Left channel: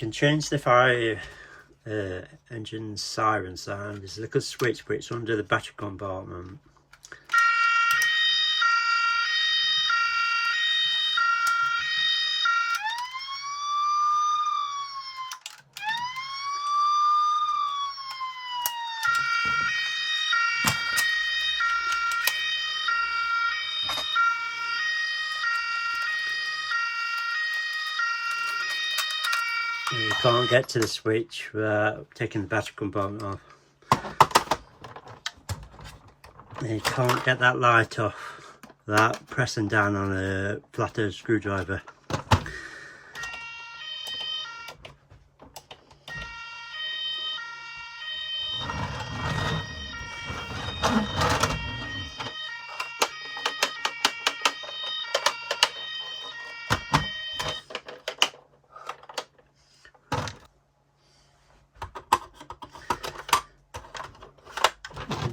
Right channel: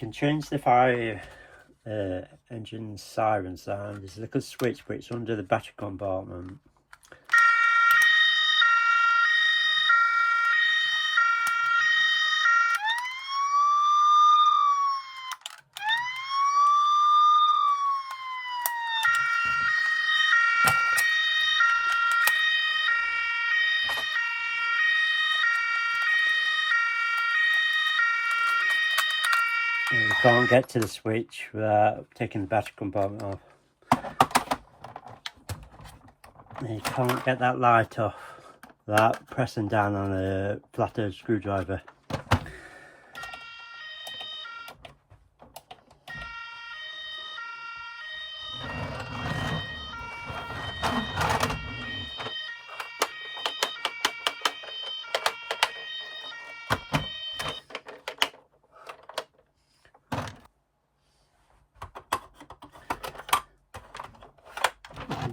can change the fire engine siren sound. There's a little switch, but it's under the battery compartment. You can't get to the switch without taking the battery compartment off. And you can't get that light off without pressing down on a flathead screwdriver.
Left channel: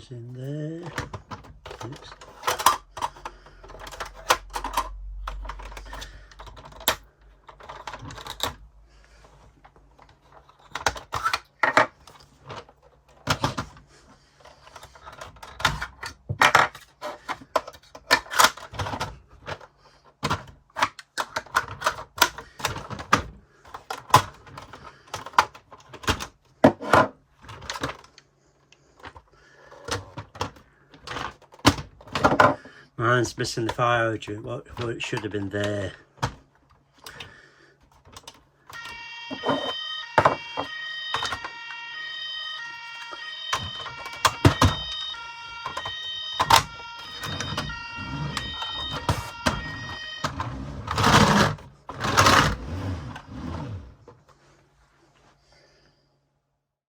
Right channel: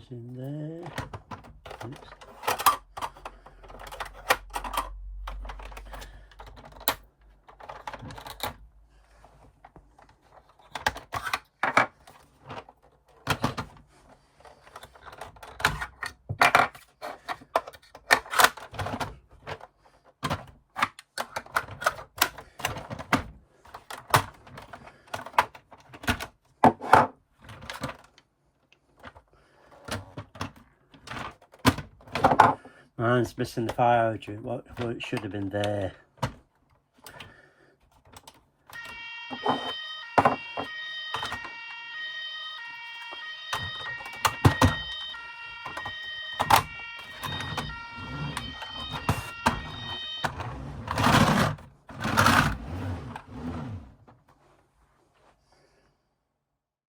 In there. Oops. Mine's missing the fire hydrant, what it should have been there.